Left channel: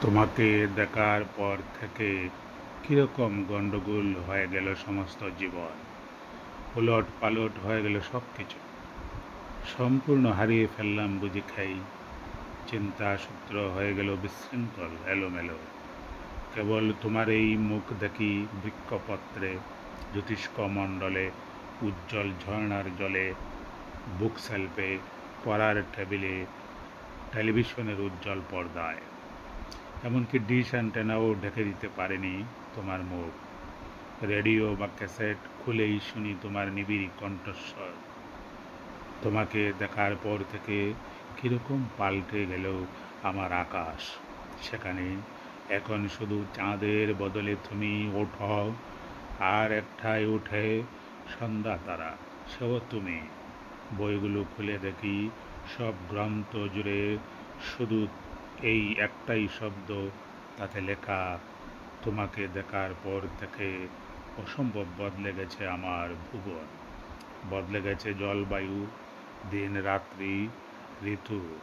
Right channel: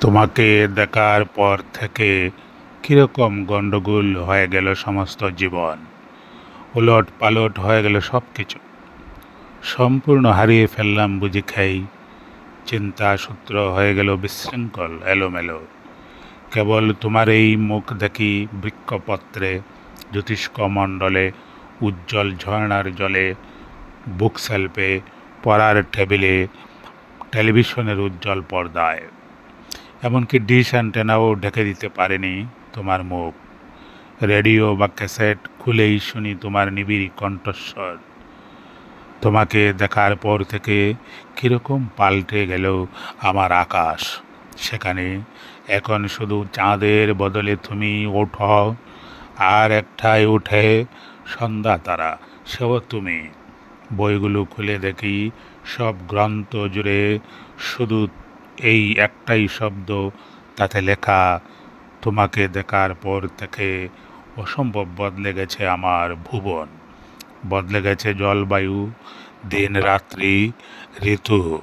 তোমাকে দেখার পর থেকে কীরকম গণ্ডগোল হয়ে গেল সমস্ত জীবন। ওলট পালট হয়ে গেল সব কিছু। সম্পূর্ণ হারিয়ে ফেললাম বুঝি খাই। চিন্তা সূত্র হয়ে গেল বিশৃঙ্খল এলোমেলো। কেবল তোমার এই মুখ দেখি বৃক্ষপত্রে, জ্যোতিষ্ক মণ্ডলে, উজ্জ্বল ঝর্ণার জলে, বুকশেল্ফে, পড়ার টেবিলে, টেলিভিশনের উজ্জ্বল পর্দায়। এমনকি ডিশ অ্যান্টেনাও ঢেকে দিতে পারেনি তোমার মুখ। রেডিও বা ক্যাসেট খুলেই শুনি তোমার নিবিড় কণ্ঠস্বর। তোমাকে দেখার পর থেকে কীরকম পাল্টে গেল আমার আকাশ। সেখানে এখন শুধু চাঁদের বদলে তুমি ওঠো, আর একটাই উঠে সন্ধ্যা তারা, সেও তুমি। বইগুলো খুলে দেখি সব গ্রন্থ জুড়ে শুধু এই একটাই শব্দ, তাতে লেখা, তোমাকে দেখার পর থেকে অসম্ভব বদলে গেছে আমার ভুবন। বদলে গেছে জলবায়ু, দিন রাত্রি, ঋতু।